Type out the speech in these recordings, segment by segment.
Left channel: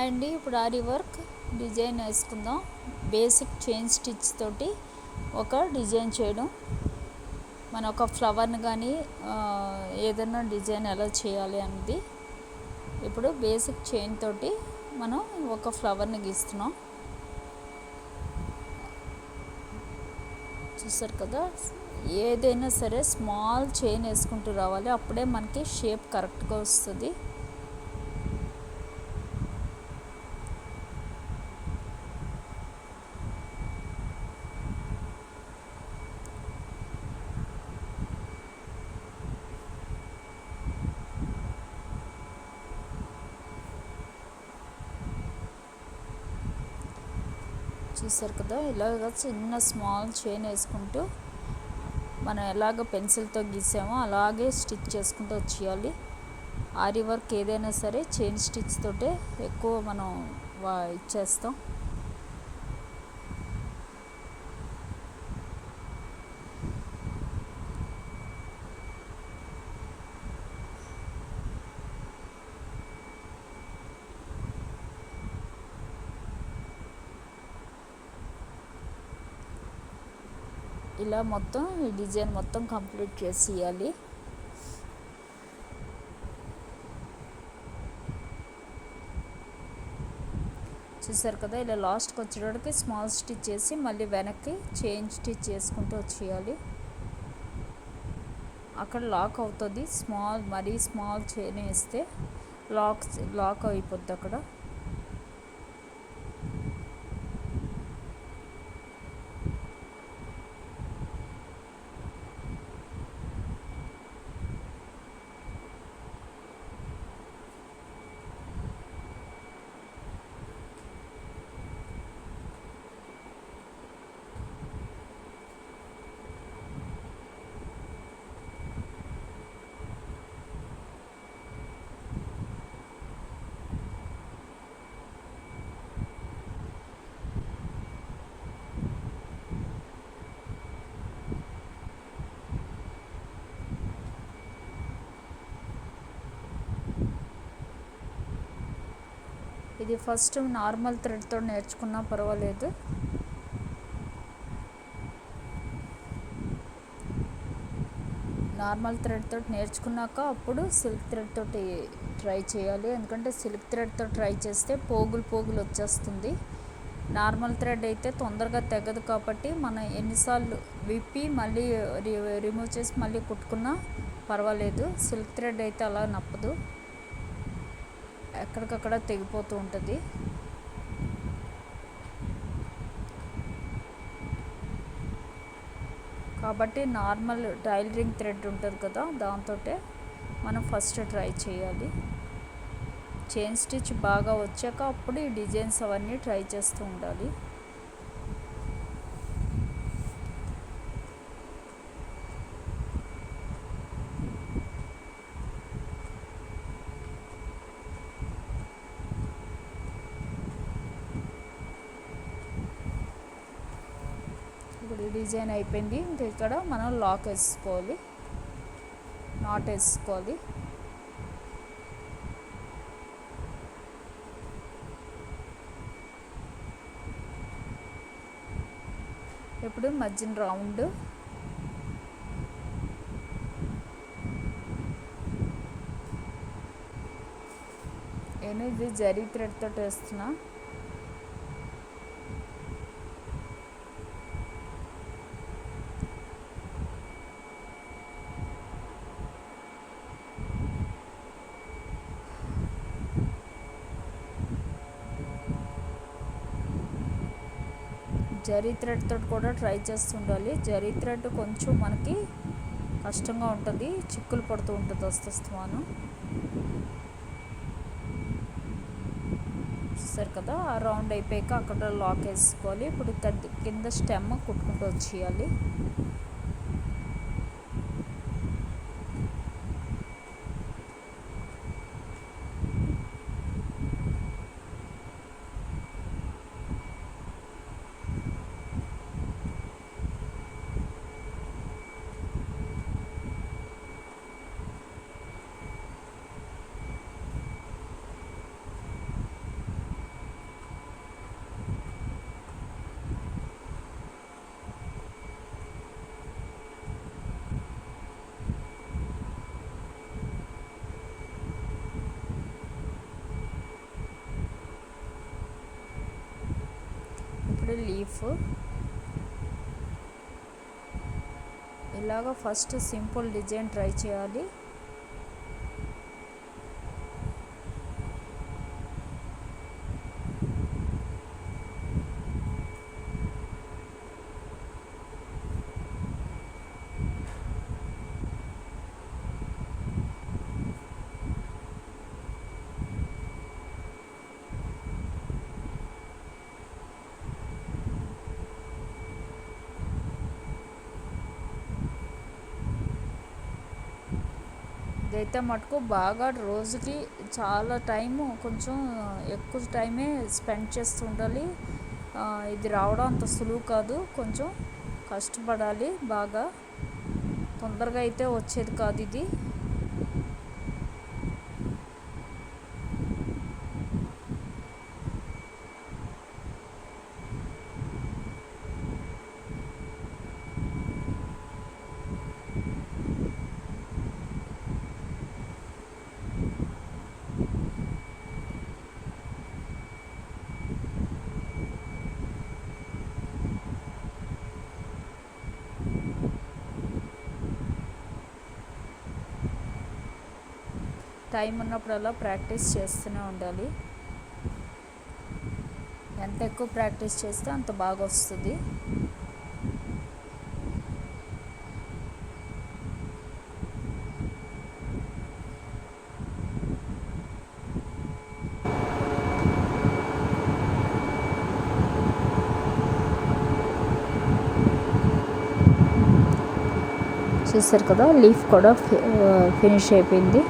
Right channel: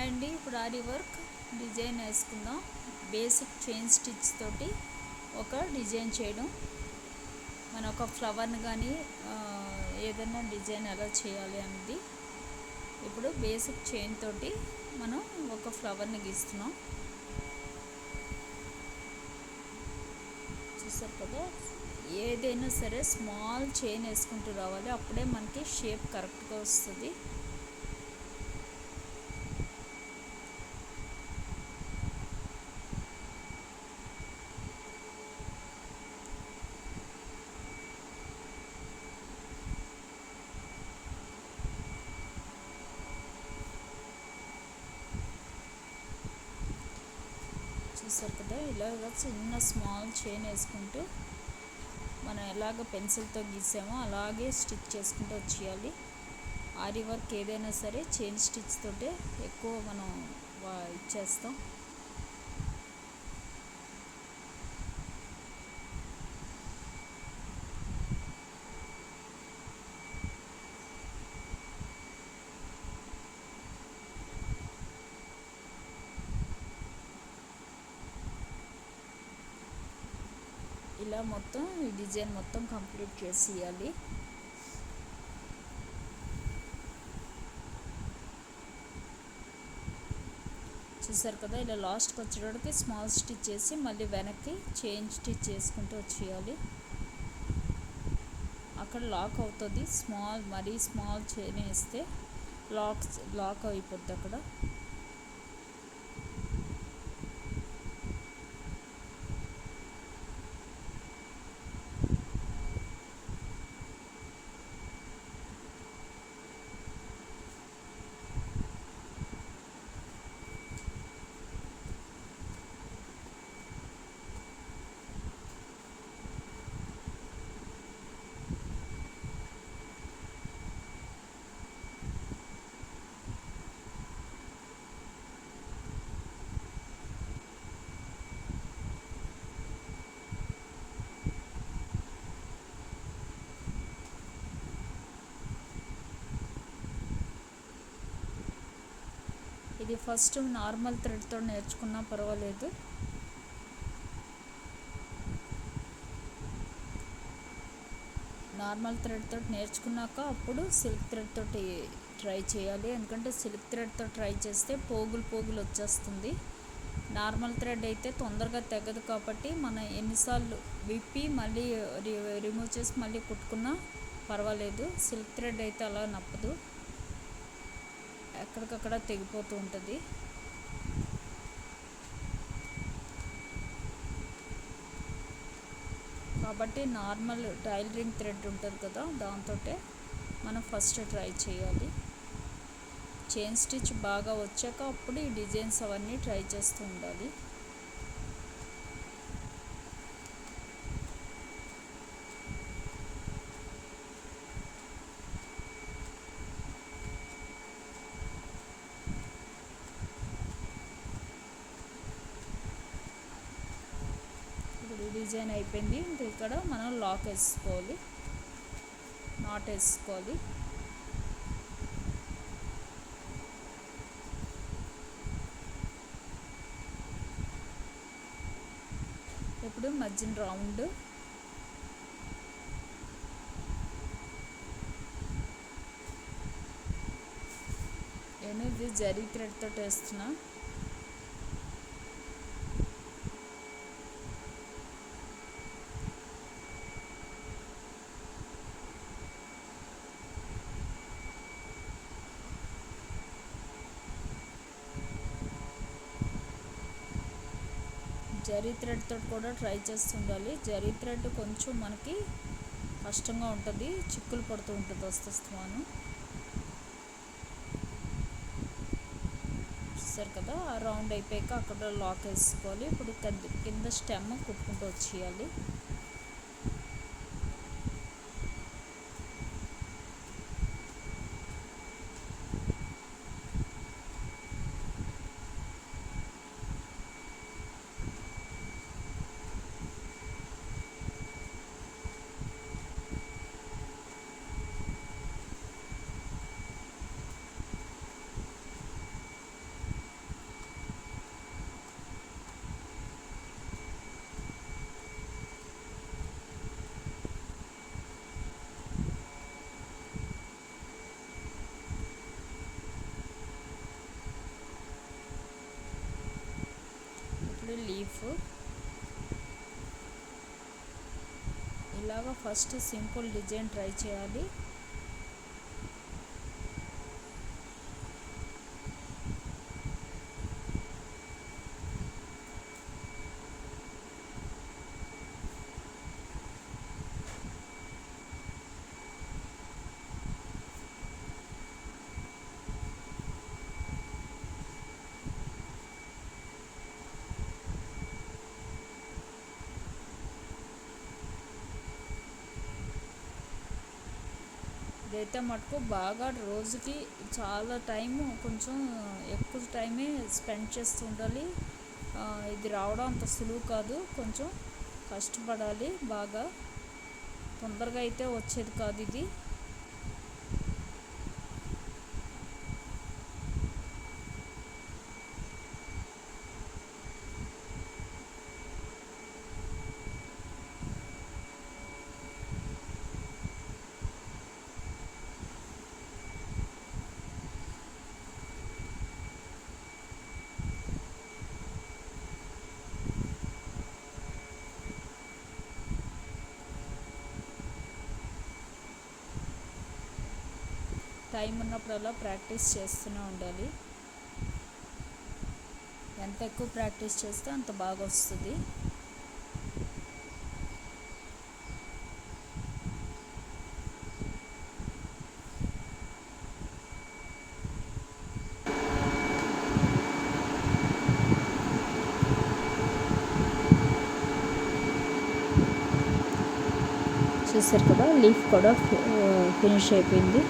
అండి ఇప్పుడు ఆరి work design వేసుకుందాం. బేసిక్ చైన్ స్టిచ్ తోటి ఒక డిజైన్ చేయడం, మన ఒక ఫ్లవర్ని కానీ ఏదైనా డిజైన్ ఎలా చేయాలి అనేది. ఇప్పుడు బేసిక్ చైన్ తోటి మనం ఒక ఫ్లవర్ని గీస్తున్నాం. చూసారు కదా, ఏదైనా సరే స్మాల్ చైన్ వేసుకుంటూ రావాలి, అప్పుడే మనకి షేప్ కరెక్ట్గా వస్తుంది. చూసారు కదా, ఇలాగ చిన్న స్మాల్ చైన్ వేసుకుంటూ మనం ఎలాగ పెన్సిల్తో గీసామో అలాగే స్టిచ్ చేసుకుంటూ వచ్చేయాలి. ఆరి వర్క్ ఏదైనా సరే చైన్ స్టిచ్ తోటే ఎక్కువ మనం ఇచ్చేస్తాం. ఇలా మొత్తం ఈ డిజైన్ మొత్తం కంప్లీట్ చేసి ఇవ్వాలి. చూసారు కదా, ఇలా లాస్ట్కి వచ్చేటప్పటికి స్మాల్ స్టిచ్ చేసి మళ్ళీ వెనక్కి చైన్ స్టిచ్ చేసుకుంటూ వచ్చేయాలి. అక్కడ లాక్ అవుతుంది, మరీ స్మాల్ చైన్ వేస్తే లాక్ అయిపోద్ది అక్కడ. ఇది ఫస్ట్ నార్మల్ థ్రెడ్తో నేర్చుకున్నా పర్వాలేదు. నార్మల్ థ్రెడ్ తోటి నేర్చుకున్నాక అప్పుడు సిల్క్ థ్రెడ్ తోటి ట్రై చేయాలి. ఎందుకంటే సిల్క్ థ్రెడ్తో ట్రై చేస్తే పోగులు వచ్చేస్తుంది. నార్మల్ థ్రెడ్ అయితే తొందరగా తెగదు కాబట్టి మనం ఎన్నిసార్లు విప్పి మళ్ళీ రిమూవ్ చేసి మళ్ళీ కుట్టుకున్నా పర్వాలేదు. సిల్క్ థ్రెడ్ అయితే అలా నప్పదు, ఎక్కడికక్కడ తెగిపోతూ ఉంటుంది. కాబట్టి నార్మల్ టైలరింగ్ థ్రెడ్ ఉంటుంది కదా, దాంతో మనం ఫస్ట్ ట్రై చేయాలి. చైన్ స్టిచ్ బాగా వచ్చాక అప్పుడు ఈ డిజైన్స్ అవన్నీ ట్రై చేస్తూ ఉండాలి. ఇప్పుడు డిజైన్ అయిపోయింది. ఇంకా ఇక్కడ మనం లాక్ వేసుకోవాలి, నాట్ వేసుకోవాలి. ఇప్పుడు మధ్యన రౌండ్, నేను ఇది జరీ థ్రెడ్ తోటి వేస్తున్నా. జరీ థ్రెడ్ తోటి కూడా ట్రై చేస్తుండాలి. జరీ థ్రెడ్ కొంచెం మనకి కష్టంగా ఉంటుంది, చిక్కులు పడుతూ ఉంటుంది వస్తాను. చూసారు కదా, ఆ రౌండ్ అయిపోయాక అక్కడ లాక్ వేసుకోవాలి. ఇప్పుడు కింద స్టెమ్ కుట్టుకుంటూ వచ్చేయాలి. ఇప్పుడు లీఫ్ ఇలాగ ఫస్ట్ సింపుల్ డిజైన్ ట్రై చేయాలి. ఇదైతే మటుకు బాగా రోజుకి చాలా టైము, కొంచెం ఎక్కువ టైమే స్పెండ్ చేస్తూ ఉండాలి. ఇది రావడం అంత సులువు కాదు, కొంచెం కష్టపడాలి. బాగా తొందరగా అయితే వచ్చేది కాదు ఇది. టైం ఉన్నప్పుడల్లా ప్రాక్టీస్ చేస్తూనే ఉండాలి. ఎంత ఎక్కువ ప్రాక్టీస్ చేస్తే అంత బాగా వస్తుంది. చూసారు కదా, లీఫ్ కూడా ఫినిష్ అయిపోయింది.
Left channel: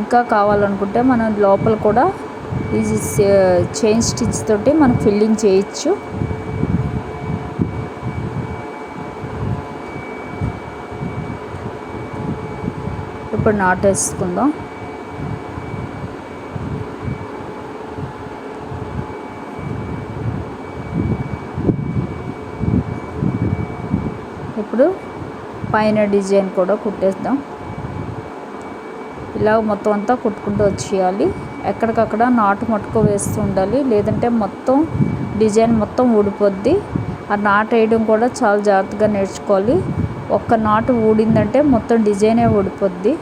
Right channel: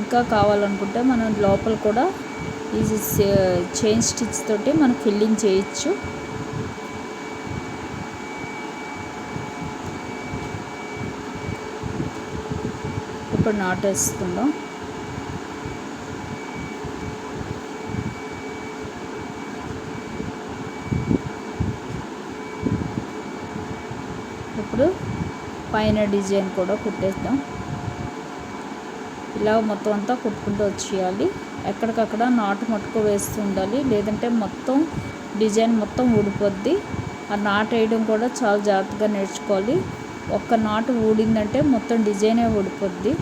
ఇంకా కావాలనుకుంటే మనం లోపల కూడా ఈ చైన్ స్టిచ్ తోటి మనం ఫిల్లింగ్ చేయొచ్చు. ఇప్పుడు నాటేసుకుందాం. ఇప్పుడు పైన డిజైన్ కూడా కుట్టేద్దాం. ఇలా మొత్తం అంతా కుట్టుకుంటూ వచ్చేయాలి. ఎక్కడికక్కడ నాటు మట్టుకు వేస్తూ ఉండాలి, లేదంటే మొత్తం డిజైన్ మొత్తం ఊడిపోద్ది. ఆ నాటు వేయడం కూడా చాలా జాగ్రత్తగా నేర్చుకోవాలి. ఒక్క నాటు ఊడిందంటే మొత్తం డిజైనే ఊడిపోద్ది.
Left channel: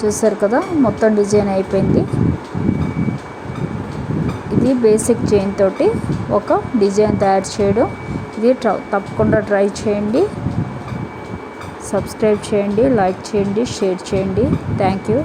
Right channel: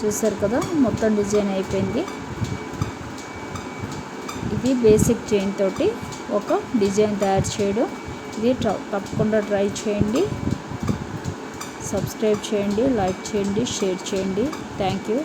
చూసారు కదా, మొత్తం డిజైన్ అయిపోయింది. ఇది బేసిక్ చైన్ తోటి ఒక డిజైన్ తయారు చేయడం. ఇది తప్పకుండా ట్రై చేయండి. సబ్స్క్రైబ్ చేయండి, లైక్ చేయండి, షేర్ చేయండి. Thank you.